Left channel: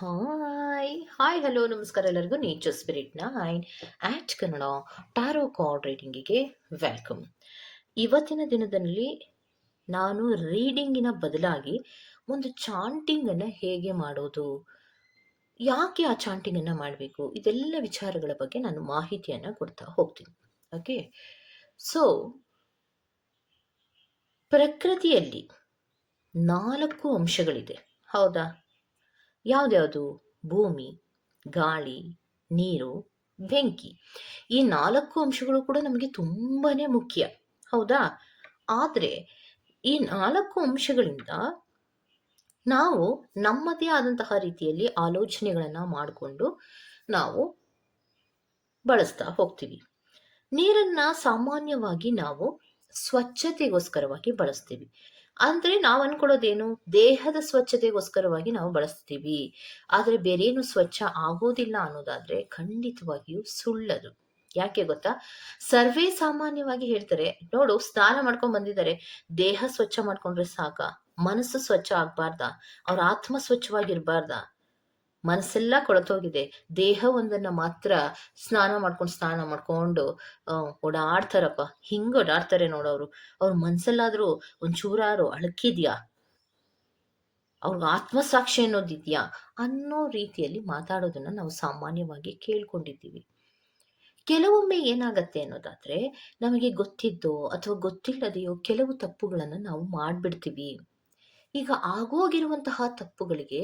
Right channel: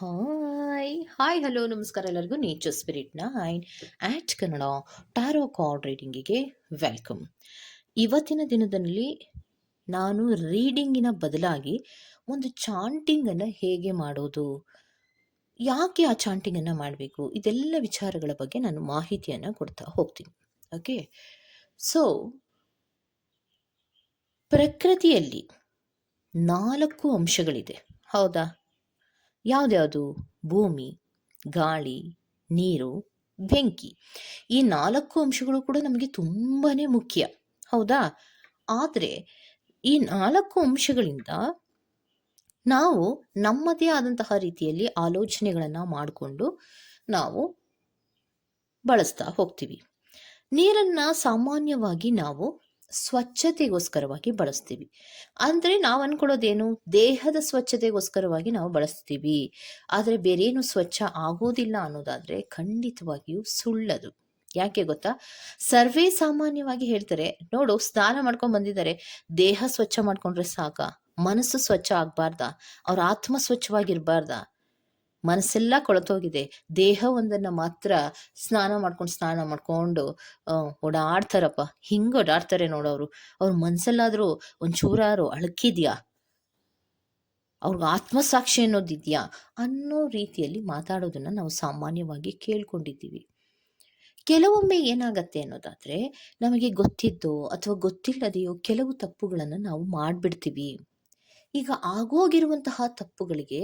Hello ನಮಸ್ಕಾರ ಎಲ್ಲರಿಗೂ nature spirit nine ಆಟ್ Kannada ಟಾರೋ card ರೀಡಿಂಗಿಗೆ welcome. ಇವತ್ತಿನ ದಿನದಲ್ಲಿ ನಾನು ರೀಡಿಂಗಿನ ಬದಲಾಗಿ ಒಂದು ಚಾಂಟಿಂಗನ್ನು ಹೇಗೆ ಮಾಡೋದು, ಯಾಕೆ ಆ ಚಾಂಟಿಂಗನ್ನು ಮಾಡಬೇಕು, ಇದೆಲ್ಲ ವಿಚಾರಗಳ ಬಗ್ಗೆ ನಾನು ಮಾಹಿತಿಯನ್ನು ಕೊಡ್ತಾ ಹೋಗ್ತೀನಿ. ಓಕೆ, ಸೊ ಪ್ರಕೃತಿಯಲ್ಲಿ 4 ಅಂಶಗಳಿದೆ, ಹೌದಾ? ಯಾವ್ದ್ಯಾವುದು? ಭೂಮಿ, ಗಾಳಿ, ನೀರು, ಬೆಂಕಿ. ಈ 4 ಅಂಶಗಳು ಕೂಡ ನಮಗೆ ತುಂಬಾನೇ ಮುಖ್ಯ, ಹೌದಾ? ಆದರೆ ಈ 4 ಅಂಶಗಳಿಂದ ನಾವು ನಮ್ಮದೇ ಆದಂತಹ ರೀತಿಯಲ್ಲಿ ಆಲೋಚನೆಗಳನ್ನು ಮಾಡಿಕೊಂಡು ನಾವು ಬಳಸ್ತಾ ಹೋಗ್ತೀವಿ. ನೀರನ್ನ ಸಾಮಾನ್ಯವಾಗಿ ನಾವು ಸ್ವಚ್ಛತೆಗೋಸ್ಕರವಾಗಿ ಬಳಸ್ತೀವಿ. ಅಂದರೆ ನಾವು ಅನ್ಕೊಳ್ಳೋದೇನು, ದೇಹದ ಸ್ವಚ್ಛತೆಗೋಸ್ಕರವಾಗಿ ನಾವು ಬಳಸ್ತೀವಿ, ಆದರೆ ಬೇರೇನು ಸ್ವಚ್ಛ ಆಗೋದಿಲ್ಲ ಅನ್ನೋದಾದ್ರೆ ಖಂಡಿತವಾಗಿಯೂ ಸುಳ್ಳದು. ಯಾಕೆ ಗೊತ್ತಾ? ಸರ್ವೇ ಸಾಮಾನ್ಯವಾಗಿ ಹೇಳ್ತಾರೆ, ನೋಡು ಸ್ನಾನ ಮಾಡ್ಕೊಂಡು ಬಂದಿದ್ದಾರೆ, ದೇಹ ಸ್ವಚ್ಛ ಮಾಡ್ಕೊಂಡ್ರೆ ಸಾಕ, ಮನಸ್ಸು ಸ್ವಚ್ಛ ಆಗ್ಬಾರ್ದ, ಅವ್ರ ಆತ್ಮ ಸ್ವಚ್ಛವಾಗಿರ್ಬಾರ್ದ? ಮನಸ್ಸೆಲ್ಲ ಕೊಳತೋಗಿದೆ, ದೇಹ ಒಂದನ್ನ ಮಾತ್ರ ಸ್ನಾನ ಮಾಡ್ಕೊಂಡು ಓಡಾಡ್ತಾರಪ್ಪ. ಹಿಂಗ ಓಡಾಡ್ತಾರೆ ನೋಡೋರು, ಅವ್ರ ಮನ್ಸಲ್ಲಾದ್ರೂ ಒಂಚೂರಾರು ಅಳಕಿದ್ಯಾ, ಅವ್ರಿಗೆ ಆತ್ಮಸಾಕ್ಷಿ ಅನ್ನೋದಿದ್ಯಾ ಅನ್ನೋ ರೀತಿಯಲ್ಲಿ ಮಾತಾಡೋದನ್ನ ನಾವು ಸಾಮಾನ್ಯವಾಗಿ ಕೇಳ್ಕೊಂಡಿದ್ದೀವಿ. ಕೆಲವೊಮ್ಮೆ ಏನಾಗತ್ತೆ ಅನ್ನೋದಾದ್ರೆ, ನಮಗೆ ಗೊತ್ತಿದ್ದೋ ಅಥವಾ ಗೊತ್ತಿಲ್ಲದೆಯೋ ಕೆಲವು ತಪ್ಪುಗಳನ್ನು ನಾವು ಮಾಡ್ಬಿಡ್ತೀವಿ. ಈಗ ಆಗೋಗಿರುವಂತಹ ತಪ್ಪುಗಳಿಗೆ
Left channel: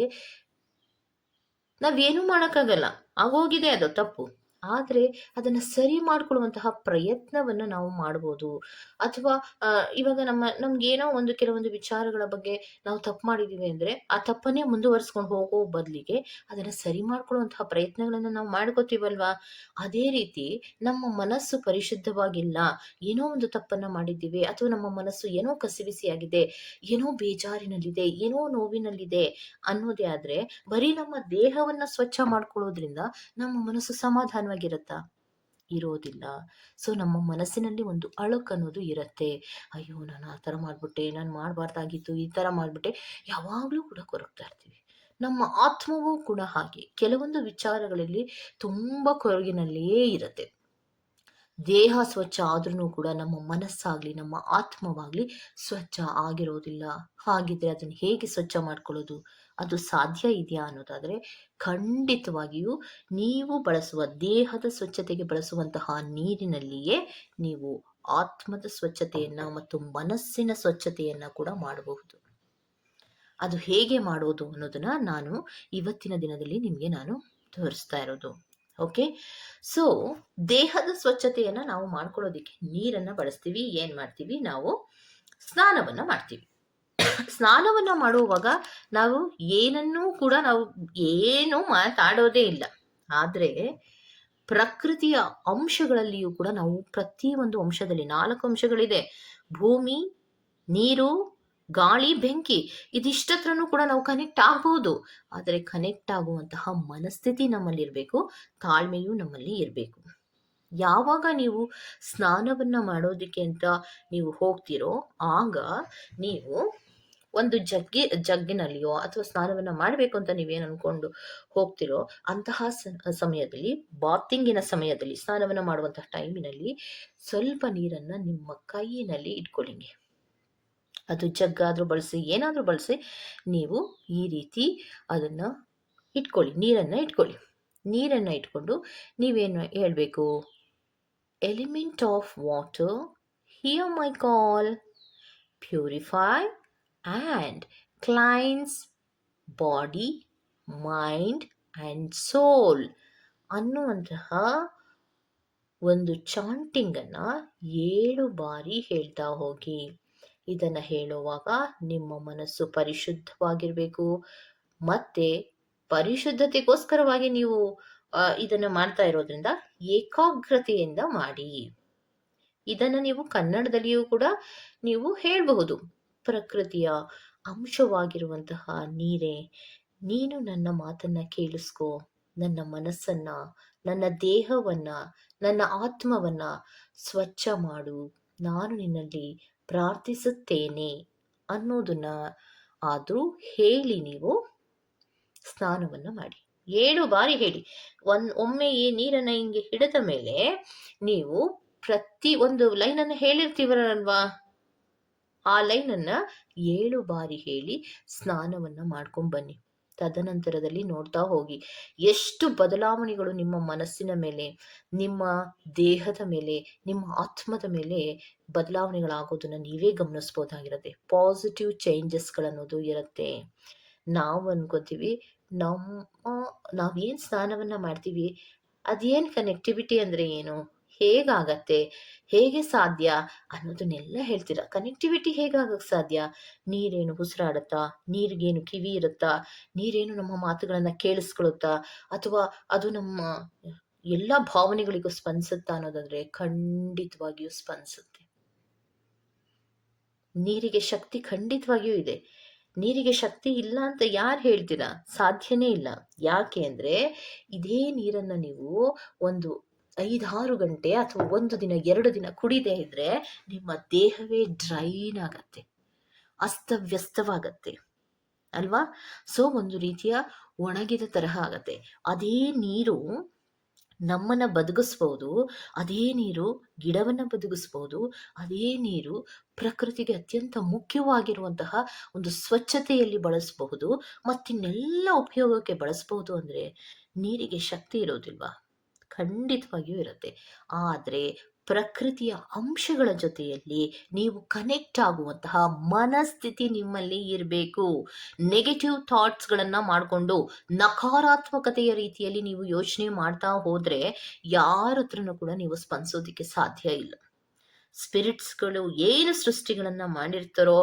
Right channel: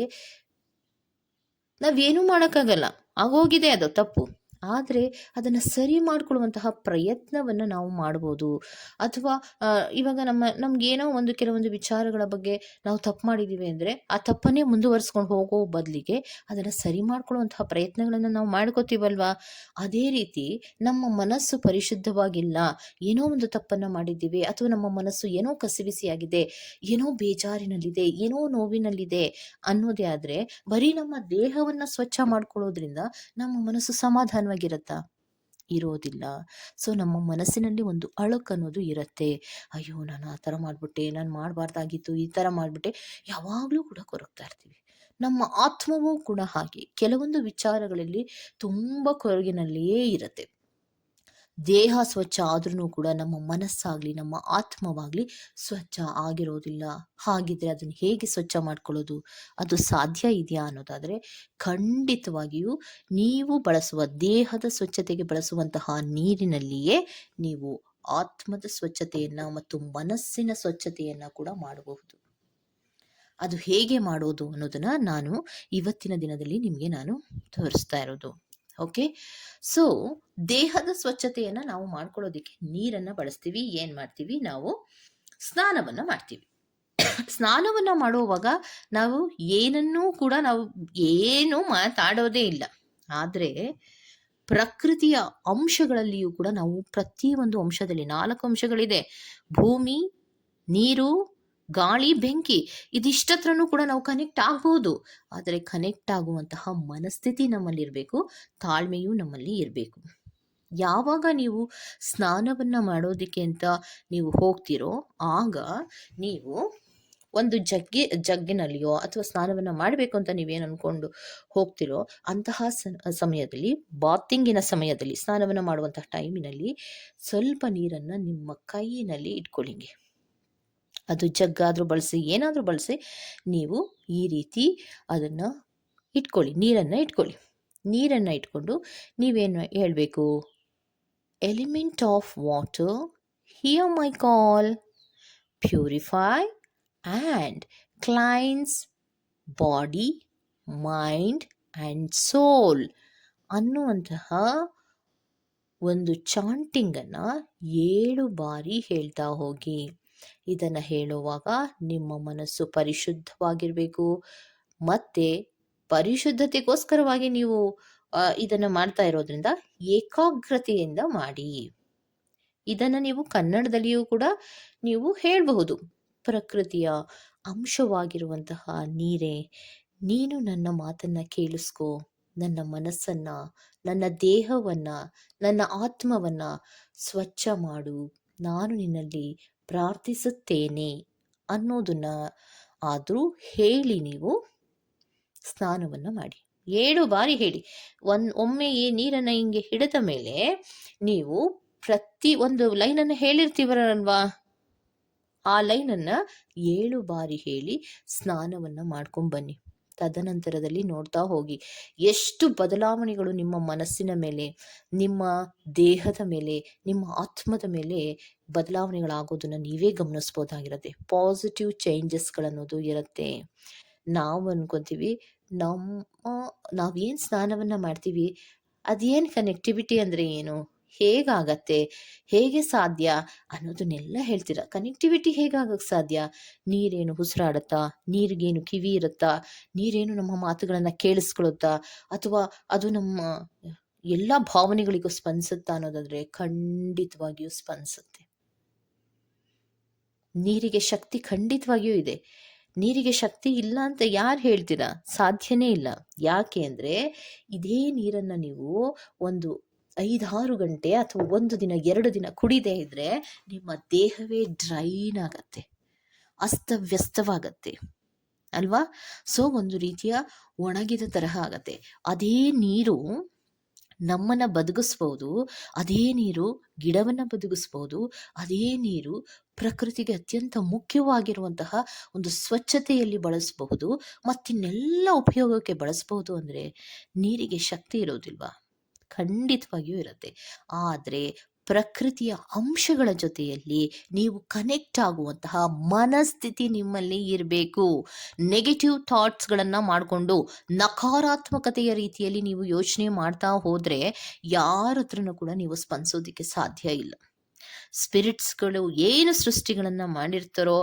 ನಾವೇನು ಮಾಡೋಕ್ಕಾಗಲ್ಲ, ಆಗೋಗಿದೆ ಅದು ತಪ್ಪು. ಆದರೆ ಅದನ್ನು ಸರಿ ಮಾಡ್ಕೊಳ್ಳುವಂತಹ ಪ್ರಯತ್ನವನ್ನು ನಾವು ಮಾಡ್ಬೋದು. ಅಥವಾ ಇವಾಗ ನಮ್ಗೇನೋ ಕೆಲವೊಂದು ವಿಚಾರಗಳ ಬಗ್ಗೆ ನಾವು ತಪ್ಪು ಮಾಡಿದ್ದೀವಿ ಅಂದರೆ ಆ ತಪ್ಪನ್ನೇ ಮುಂದುವರಿಸ್ಕೊಂಡು ಹೋಗೋ ಬದಲಿಗೆ ಅದನ್ನು ಸರಿ ಮಾಡ್ಕೊಳ್ಳುವಂತಹ ಪ್ರಯತ್ನಗಳನ್ನು ನಾವು ಮಾಡ್ಕೋತೀವಲ್ವಾ? ಅದೇ ರೀತಿ ನಮ್ಮ ಮನಸ್ಸು ಪರಿಶುದ್ಧವಾಗಿಲ್ಲ, ಏನೋ ಒಂದು ತಪ್ಪನ್ನು ಮಾಡಿದ್ದೀವಿ, ಅಥವಾ ನಮ್ಮ ಮನಸ್ಸು ಏನೋ ಕಸಿವಿಸಿಯಾಗಿದೆ, ಏನೋ ಬೇಜಾರಿನಲ್ಲಿದೆ, ಏನೋ ನೋವಿನಲ್ಲಿದೆ ಅನ್ನೋದೇ ಆದರೆ ಬರೀ ನಮ್ಮ ದೇಹವನ್ನ ಸ್ವಚ್ಛ ಮಾಡ್ಕೊಳ್ಳೋದ್ರಿಂದ ನಮ್ಮ ಮನಸ್ಸು ಸಮಾಧಾನವಾಗಿರತ್ತಾ? ಇರೋದಿಲ್ಲ. ಸೊ ನಮ್ಮ ಮನಸ್ಸಿನಲ್ಲಿ ಒಂದು ಅಳುಕು ಅನ್ನೋದು ಇರತ್ತೆ. ಅಯ್ಯೋ, ನಾನು ಆ ಥರ ಮಾಡ್ಬಿಟ್ಟೆ, ನಾನು ಮಾಡಬಾರ್ದಾಗಿತ್ತು, ಈ ಥರ ಮಾಡ್ಬಿಟ್ಟೆ, ಯಾವಾಗಲೂ ಕೂಡ ಕೊರಗ್ತಾ ಇರ್ತೀವಿ. ನಮ್ಮ ಆತ್ಮವೂ ಕೂಡ ಹಾಗೆ ಕೆಲವೊಂದು ವಿಚಾರಗಳಲ್ಲಿ ತುಂಬ ಕೊರಗಿನಲ್ಲಿಯೇ ಇರುತ್ತೆ. ದೇಹ ಸ್ವಚ್ಛ ಆದ್ರೂ ಕೂಡ ನಮ್ಮ ಮನಸ್ಸಾಗ್ಲಿ ನಮ್ಮ ಆತ್ಮವಾಗ್ಲಿ ಸ್ವಚ್ಛ ಆಗಿರೋದಿಲ್ಲ. ಹಾಗಿದ್ರೆ ಅದನ್ನ ಹೇಗೆ ಸ್ವಚ್ಛ ಮಾಡ್ಕೊಳ್ಳೋದು? ಅದು ಸಾಧ್ಯ ಇದೆಯಾ ಅನ್ನೋದಾದ್ರೆ ಖಂಡಿತವಾಗಿಯೂ ನೀವು ಬಳಸುವ ದೇಹದ ಸ್ವಚ್ಛತೆಗೆ ಬಳಸುವಂತಹ ನೀರಿನಲ್ಲಿಯೇ ನೀವು ಆತ್ಮದ ಸ್ವಚ್ಛತೆಯನ್ನ ಮತ್ತು ಮನಸ್ಸಿನ ಸ್ವಚ್ಛತೆಯನ್ನ ಕೂಡ ಮಾಡಬಹುದು. ಅದು ಹೇಗೆ ಮಾಡೋದು ಅನ್ನೋದನ್ನ ನಾನು ಇವತ್ತಿನ ದಿನದಲ್ಲಿ ನಿಮಗೆ ನಾನು ತೋರಿಸ್ತಾ ಇರೋದು. ಓಕೆ, ಸೊ ದೇಹದ ಸ್ವಚ್ಛತೆಯನ್ನ ನಾವು ಮಾಡ್ಕೊಳ್ಳೋದಿಕ್ಕೆ ನೀರನ್ನ ಬಳಸ್ತೀವಿ. ಏನ್ ಮಾಡ್ತೀವಿ? ನಾವು ಸ್ನಾನವನ್ನ ಮಾಡ್ತೀವಿ. ಸ್ನಾನವನ್ನ ಮಾಡುವಾಗ ನಾವು ಏನನ್ನೂ ಕೂಡ ನಾವು ಏನು ಮಾತಾಡೋದೇ ಇಲ್ಲ. ಆದ್ರೆ ಪ್ರಕೃತಿಯ ಅಂಶಗಳಲ್ಲಿಯೂ ಕೂಡ ನಾವು ಪ್ರತಿಯೊಂದು ಅಂಶದಲ್ಲಿ 4 ಅಂಶಗಳಿದೆ: ಭೂಮಿ, ನೀರು, ಗಾಳಿ, ಬೆಂಕಿ. ಇದಿಷ್ಟತ್ರನೂ ಕೂಡ ನಾವು ಕನೆಕ್ಟ್ ಆಗ್ಬೋದು. ಆದರೆ ಕನೆಕ್ಟ್ ಆಗುವಂತಹ ಮನಸ್ಥಿತಿ ನಮ್ಮಲ್ಲಿ ಇರಬೇಕು, ತಾಳ್ಮೆಯೂ ನಮ್ಮಲ್ಲಿ ಇರಬೇಕು. ಯಾವಾಗ ನೀವು ಸ್ನಾನವನ್ನ ಮಾಡೋದಕ್ಕೆ ಅಂತ ನೀವು ಹೋಗ್ತಿರೋ ಆಗ ನೀವು ಒಂದು ಜಗ್ಗಿನಲ್ಲಿಯೋ ಅಥವಾ ಸ್ನಾನವನ್ನ ಮಾಡಬೇಕು ಅಂತ ನೀವೇನು ಅನ್ಕೊಂಡು ಹೋಗ್ತಿರೋ ಅಂತಹ ಸಮಯದಲ್ಲಿ, ಬಾತಿಂಗಿನ ಸಮಯದಲ್ಲಿ, ಸ್ನಾನವನ್ನ ಮಾಡುವಂತಹ ಟೈಮಿನಲ್ಲಿ ಸ್ವಲ್ಪ ನೀರನ್ನ ನಿಮ್ಮ ಕೈಯಿನಲ್ಲಿ ಇಟ್ಕೊಳ್ಳಿಂಗೆ. ಅದು ಜಗ್ಗಾದ್ರೂ ಬಳಸಿ, ಏನಾದ್ರೂ ಬಳಸಿ, ನೀವು ಈ ರೀತಿ ಅದನ್ನ ಇಟ್ಕೊಳ್ಳಿ, ನೀರನ್ನ ಇಟ್ಕೊಂಡು ನೀವೇನು ಹೇಳ್ಬೇಕು? Element of water, hear my call, purify and cleanse body, mind and soul ಅನ್ನುವಂತಹ ಒಂದು ಚಾಂಟಿಂಗನ್ನು 7 ಬಾರಿ ಹೇಳ್ತಾ ಹೋಗಿ. ಇದನ್ನು ಹೇಳುವಾಗ ನಿಮ್ಮ ಮನಸ್ಸು ಪರಿಶುದ್ಧವಾಗಿರಬೇಕು. ಮತ್ತೆ ಪರಿಶುದ್ಧತೆಗೋಸ್ಕರವಾಗಿ ನೀವು ಇದನ್ನು ಮಾಡ್ತಾ ಇರೋದ್ರಿಂದ ಏಕಾಗ್ರತೆಯಿಂದ ಮಾಡಿ. ಇದನ್ನು ನೀವು ಕನ್ನಡದಲ್ಲಿಯೂ ಕೂಡ ನೀವು ಹೇಳಬಹುದು. ಪ್ರಕೃತಿಯ ಅಂಶವಾಗಿರುವಂತಹ ನೀರೇ, ನೀನು ನನ್ನ ಮಾತನ್ನ ಕೇಳಿಸ್ಕೋ, ನನ್ನ ಮನಸ್ಸನ್ನ, ನನ್ನ ದೇಹವನ್ನ, ನನ್ನ ಆತ್ಮವನ್ನ ಸ್ವಚ್ಛ ಮಾಡು, ನಾನು ನಿನ್ನಲ್ಲಿ ಪ್ರಾರ್ಥಿಸುತ್ತೇನೆ ಅನ್ನೋದನ್ನ ಆದರೂ ಹೇಳಿ ನೀವು ಸ್ನಾನವನ್ನು ಮಾಡಿ. 7 ಬಾರಿ ಹೇಳಿ. ಒಮ್ಮೆ ಈ ನೀರನ್ನು ಹಿಂಗೆ ಹಿಡಿದ ಮೇಲೆ ನೀವು ಪ್ರತಿ ಒಂದು ಲೈನನ್ನು ಹೇಳಿರ್ತೀವಲ್ವಾ, ಆ ಲೈನನ್ನು 7 ಬಾರಿ ಹೇಳಿ ಸ್ನಾನವನ್ನು ಮಾಡ್ಕೊಂಡು ಬನ್ನಿ. ತದನಂತರದಲ್ಲಿ ನೋಡ್ತಾ ಹೋಗಿ ಎಷ್ಟು ಬದಲಾವಣೆಗಳು ನಿಮ್ಮ ಮನಸ್ಸಿನ ಮೇಲೆ, ನಿಮ್ಮ ದೇಹದ ಮೇಲೆ, ನಿಮ್ಮ ಆತ್ಮದ ಮೇಲೆ ಬದಲಾವಣೆಗಳಾಗೋದನ್ನು ನೀವೇ ಗಮನಿಸ್ಬೋದಾಗಿರುತ್ತೆ. ಪಾಸಿಟಿವ್ ಚೇಂಜಸ್ಗಳನ್ನೋದು ಇರುತ್ತೆ. ನಾವು ಅನ್ಕೊಂತೀವಿ ನಾವೇನು ಸ್ನಾನವನ್ನು ಮಾಡ್ತೀವಿ, ಅದೇನು ಕನೆಕ್ಟಿವಿಟಿ ಅಂದರೆ ಏನು, ಹೇಗಾಗತ್ತೆ, ಹೇಗೆ ಸಾಧ್ಯ ಅನ್ನೋದನ್ನೆಲ್ಲ ಹೇಳ್ತೀರ. ಕನೆಕ್ಟಿವಿಟಿ ಹೇಗಾಗಕ್ಕೆ ಸಾಧ್ಯ? ನೀರೇನು ಉಸಿರಾಡುತ್ತಾ, ನೀರಿಗೇನು ಕಿವಿ ಇರುತ್ತಾ, ನೀರೇನು ನಮ್ಮ ಮಾತುಗಳನ್ನು ಕೇಳಿಸ್ಕೊಳುತ್ತಾ, ಅಥವಾ ಅದು ನಮ್ಮ ಎಲ್ಲ ಭಾವನೆಗಳಿಗೂ ಸ್ಪಂದಿಸುತ್ತಾ ಅನ್ನೋದಾದ್ರೆ ಖಂಡಿತವಾಗಿಯೂ ಸ್ಪಂದಿಸುತ್ತೆ. ನೀರಿಗೆ ಶಕ್ತಿ ಖಂಡಿತವಾಗಿಯೂ ಇದೆ. ನೀರಿಗೆ ಶಕ್ತಿ ಇಲ್ಲ ಅಂತ ಯಾರು ಹೇಳ್ತೀರಾ? ಸಾಧ್ಯನೇ ಇಲ್ಲ. ಯಾಕೆ ಅಂದರೆ ಇದೇ ನೀರನ್ನು ನೀವು ಒಂದು 5-6 ಗಂಟೆ ಅಥವಾ 1 ದಿನ 2 ದಿನ ಕುಡಿದೇ ಇದ್ರೆ ನಿಮ್ಮ ದೇಹವೇ ಡ್ರೈನ್ ಆಗತ್ತೆ, ಅಸ್ತವ್ಯಸ್ತವಾಗತ್ತೆ ಅಲ್ವಾ? ಸೊ ಒಂದು ರೀತಿಯ ಒಣಗಿದ ತರಹ ಆಗತ್ತೆ. ಅದೇ ನೀರು ನಮ್ಮನ್ನ ಬದುಕಿಸ್ಬೋದು, ಅದೇ ನೀರು ಗಿಡವನ್ನು ಬದುಕಿಸ್ಬೋದು, ಅದೇ ನೀರು ಪ್ರಕೃತಿಗೆ ಅತ್ಯಂತ ಮುಖ್ಯವಾಗಿರುವಂತಹ ಒಂದು ಸ್ವಚ್ಛತೆಯಲ್ಲಿ ಬಳಸಬಹುದು, ಮತ್ತಿನ್ನೆಲ್ಲ ಉಪಯೋಗಕ್ಕೆ ಬಳಸಬಹುದು. ಅಂದರೆ ನೀರಿಗೆ ಶಕ್ತಿ ಇರೋದಿಲ್ವಾ? ಖಂಡಿತವಾಗಿಯೂ ಇರುತ್ತೆ. ಆದರೆ ಪ್ರಕೃತಿಯ ಅಂಶಗಳ ಜೊತೆಯಲ್ಲಿ ನೀವು ಕನೆಕ್ಟ್ ಆಗುವಂತಹ ಮನಸ್ಥಿತಿ ನಿಮ್ಮಲ್ಲಿ ಇರಬೇಕು. ನೆಗೆಟಿವ್ ಥಾಟ್ಸ್ಗಳನ್ನು ಮಾಡಿಕೊಂಡು ನಕಾರಾತ್ಮಕತೆಯ ರೀತಿಯಲ್ಲಿ ನೀವು ಯೋಚನೆ ಮಾಡ್ತಾ ಹೋದರೆ ಯಾರ ಹತ್ರನೂ ಕೂಡ ನೀವು ಸ್ಪಂದಿಸೋದಕ್ಕೆ ಸಾಧ್ಯ ಇಲ್ಲ. ಸ್ಪಿರಿಟ್ಸ್ಗಳು ಏನು ಸೃಷ್ಟಿಗಳನ್ನು ಮಾಡಿರ್ತಾರೋ,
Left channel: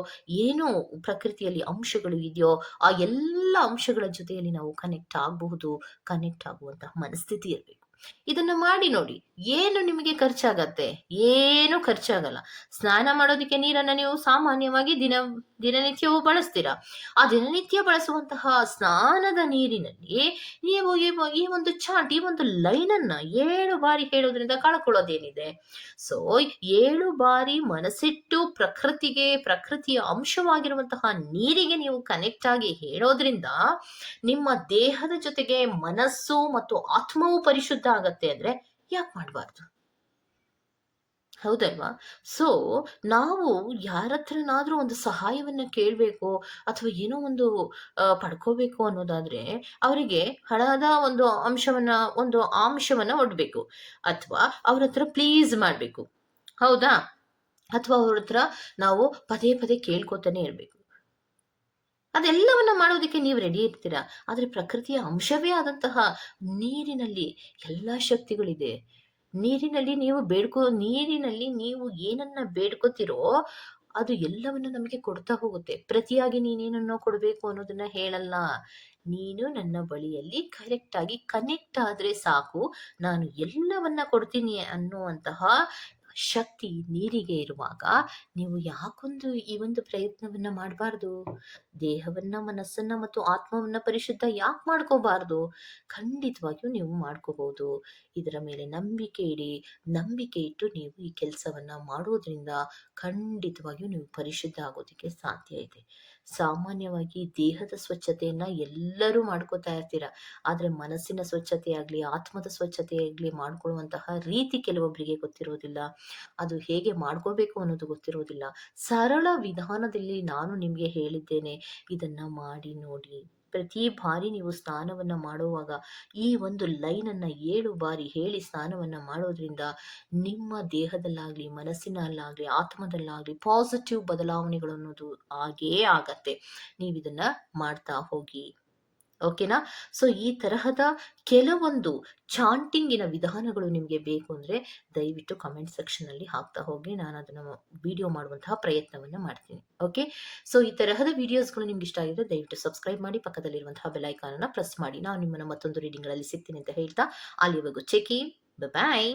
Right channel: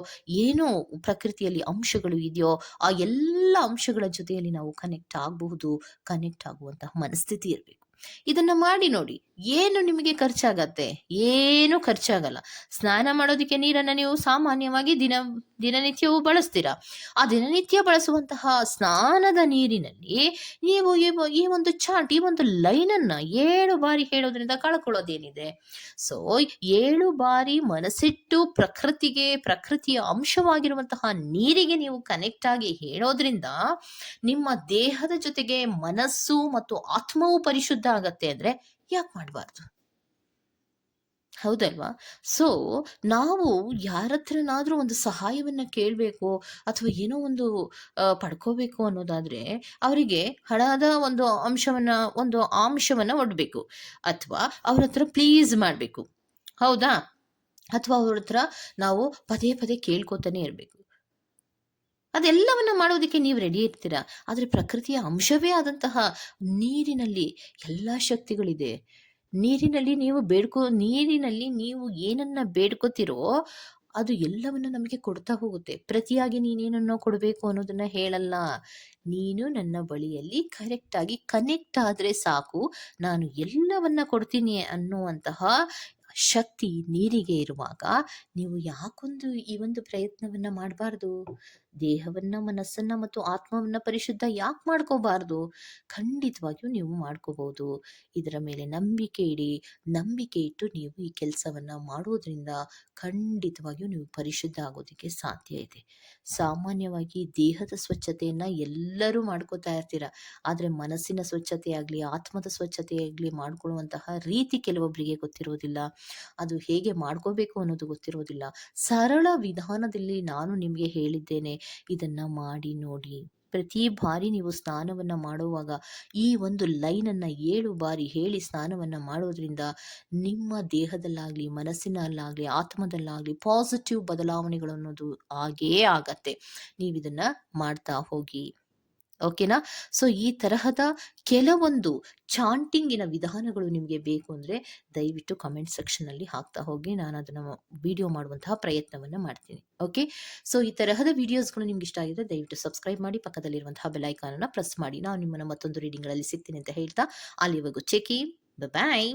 ಏನೋ ಪ್ರಕೃತಿಯಲ್ಲಿ ಅಂಶಗಳು ಇದೆಯೋ, ಆ ಎಲ್ಲ ಅಂಶಗಳ ಜೊತೆಯಲ್ಲಿ ನಾವು ಕನೆಕ್ಟ್ ಆಗಬಹುದು. ಕನೆಕ್ಟ್ ಆಗುವಂತಹ ಮನಸ್ಥಿತಿ ಇರಬೇಕು. ಇದನ್ನ ಮಾಡಿ ನೋಡಿ. ಏನು ನಿಮಗೆ ಖರ್ಚಾಗತ್ತೆ? ಏನು ಖರ್ಚಾಗಲ್ಲ. ಸ್ನಾನ ಮಾಡೋದಕ್ಕೆ ನೀರನ್ನು ನೀವು ಸಾಮಾನ್ಯವಾಗಿ ದಿನನಿತ್ಯವೂ ಬಳಸ್ತೀರಾ. ಆ ದಿನನಿತ್ಯ ಬಳಸುವಂತಹ ಸ್ನಾನದ ನೀರಿನಲ್ಲಿ ನೀವು ಈ ಒಂದು ಚಾಟ್, ಈ ಒಂದು ಲೈನನ್ನು 7 ಬಾರಿ ಹೇಳೋದ್ರಿಂದ ಕಳ್ಕೊಳ್ಳೋದೇನಿದೆ? ಸೊ 7 ಬಾರಿ ಮನಸ್ಸಿಟ್ಟು ಪ್ರಕೃತಿಯ ಅಂಶವಾಗಿರುವಂತಹ ನೀರಿಗೆ ನೀವು ಕನೆಕ್ಟ್ ಆಗಿ ಹೇಳೋದ್ರಿಂದ ನಿಮ್ಮ ದೇಹದ ಜೊತೆಗೆ ಮನಸ್ಸು ಮತ್ತು ಆತ್ಮವು ಪರಿಶುದ್ಧ ಆಗತ್ತೆ. ಅಂದ್ರೆ ಯಾಕೆ ಮಾಡಬಾರ್ದು? ಹೌದಲ್ವಾ? ಸೊ ನಾವು ಯಾರ ಹತ್ರನಾದ್ರೂ ಒಂದು ಸಹಾಯವನ್ನ ಕೇಳಬೇಕು ಅಥವಾ ಏನೋ ಒಂದು ಪಡ್ಕೋಬೇಕು ಅನ್ನೋದಾದ್ರೆ ಅವರಿಗೆ ಹಣದ ಒಂದು ಅಂಶವನ್ನ ಒಡ್ಬೇಕು, ಅಥವಾ ಅವ್ರ ಹತ್ರ ಪ್ಲೀಸ್ ಮಾಡಬೇಕು. ಹೌದಾ? ಅಥವಾ ಅವ್ರ ಹತ್ರ ನಾವು ಪದೇ ಪದೇ ಕೇಳ್ಕೊತಾನೆ ಇರಬೇಕು. ಅದೆಲ್ಲವನ್ನ ಮಾಡೋದಕ್ಕೆ ನೀವು ರೆಡಿ ಇರ್ತೀರಾ. ಆದರೆ ಪ್ರಕೃತಿಯ ಅಂಶವೇ ಆದಂತಹ ನೀರಿನಲ್ಲಿ ಎಲ್ಲ ಶಕ್ತಿಗಳಿದೆ. ನೀರಿನಲ್ಲಿ ನೀವು ಏನನ್ನ ಬೇಡ್ಕೋತಿರೋ ಅದು ಎಲ್ಲವನ್ನ ನಮಗೆ ಕೊಡ್ತಾ ಹೋಗುತ್ತೆ. ಪ್ರತಿಯಾಗಿ ನೀನೇನನ್ನೋ ಕೊಡಬೇಕು ಅನ್ನೋದನ್ನ ಹೇಳಲ್ಲ. ನೀನು ನನ್ನ ಬಳಿಯಲ್ಲಿ ಕರೆಕ್ಟಾಗಿ ಕನೆಕ್ಟ್ ಆದರೆ ಸಾಕು, ನಾನು ಎಲ್ಲವನ್ನ ಕೊಡ್ತೀನಿ ಅನ್ನುವಂತಹ ಶಕ್ತಿ ನೀರಿಗೆ ಇರುವಾಗ ನೀವು ಈ ಒಂದು ಪ್ರಯತ್ನವನ್ನ ಮಾಡಬಾರ್ದು? ದೇಹವನ್ನ, ಮನಸ್ಸನ್ನ ಮತ್ತು ಆತ್ಮವನ್ನ ಪರಿಶುದ್ಧ ಯಾಕೆ ಮಾಡ್ಕೋಬಾರ್ದು? ಖಂಡಿತವಾಗಿಯೂ ನೀವು ಮಾಡ್ಕೋಬಹುದು. ಇದರ ಮೇಲೆ ನಂಬಿಕೆ ಇಡಿ. ನಂಬಿಕೆ ಇಟ್ಟು ನೀವು ಈ ಕೆಲಸವನ್ನ ಮಾಡೋದ್ರಿಂದ ಖಂಡಿತವಾಗಿಯೂ ನೀವು ಪರಿಶುದ್ಧ ಆಗೋದಕ್ಕೆ ಸಾಧ್ಯ ಇದೆ. ಸಾಮಾನ್ಯವಾಗಿ ದೇಹದ ಸ್ವಚ್ಛತೆಯನ್ನ ಎಲ್ಲರೂ ಮಾಡ್ಕೋತಾ ಇರ್ತೀರ, ಆದರೆ ಮನಸ್ಸಿನ ಸ್ವಚ್ಛತೆ ಆಗಲಿ, ಆತ್ಮದ ಸ್ವಚ್ಛತೆ ಆಗಲಿ ಮಾಡ್ಕೊಳ್ಳುವಂತಹ ರೀತಿ ಕೆಲವೊಬ್ಬರಿಗೆ ಗೊತ್ತಿರೋದಿಲ್ಲ. ಅದು ಹೇಗೆ ಮಾಡ್ಕೋಬೇಕು ಅನ್ನೋದು ಗೊತ್ತಿರೋದಿಲ್ಲ. ಸರಳ ವಿಧಾನದಲ್ಲಿ ನಾನು ನಿಮಗೆ ಹೇಳಿದ್ದೇನೆ, ಇದನ್ನ ಮಾಡಿ ನೋಡಿ. ಪ್ರತಿ ಬಾರಿ ನೀವು ಸ್ನಾನವನ್ನ ಮಾಡುವಾಗ ಈ ಒಂದು ಲೈನನ್ನು 7 ಬಾರಿ ಹೇಳಿ ಸ್ನಾನವನ್ನ ಮಾಡೋದ್ರಿಂದ ನಿಮ್ಮ ದೇಹದಲ್ಲಾಗ್ಲಿ, ಮನಸ್ಸಿನಲ್ಲಾಗ್ಲಿ, ಆತ್ಮದಲ್ಲಾಗ್ಲಿ ಪಾಸಿಟಿವ್ ಬದಲಾವಣೆಗಳು ಅನ್ನೋದು ಆಗೇ ಆಗತ್ತೆ. ನೀವಿದನ್ನ ಮಾಡ್ತಾ ಹೋಗಿ. ಓಕೆನಾ? ಸೊ ಈ ತರಹದ ಕೆಲವೊಂದು ಚಾಂಟಿಂಗಿನ ವಿಧಾನಗಳು ನಿಮಗೆ ಬೇಕು ಅಂದರೆ ದಯವಿಟ್ಟು ಕಮೆಂಟ್ ಸೆಕ್ಷನಲ್ಲಿ ಹಾಕ್ತಾ ಹೋಗಿ. ನಾನು ಅದನ್ನು ವಿಡಿಯೋ ಮಾಡುವಂತಹ ಪ್ರಯತ್ನವನ್ನು ಮಾಡ್ತೀನಿ. ಓಕೆ? ಸೊ ಈ ತರಹದ ವಿಡಿಯೋಸ್ಗಳು ನಿಮ್ಗೆ ಇಷ್ಟ ಆಗಿದ್ರೆ ದಯವಿಟ್ಟು ಸಬ್ಸ್ಕ್ರೈಬ್ ಮಾಡಿ, ಪಕ್ಕದಲ್ಲಿರುವಂತಹ ಬೆಲ್ ಐಕಾನನ್ನು ಪ್ರೆಸ್ ಮಾಡಿ. ನಾನು ನಿಮ್ಮನ್ನು ಮತ್ತೊಂದು ರೀಡಿಂಗ್ಗಳಲ್ಲಿ ಸಿಗ್ತೀನಿ ಅಂತ ಹೇಳ್ತಾ, ಅಲ್ಲಿವರೆಗೂ ಚೆಕಿ. ಬಾಯ್.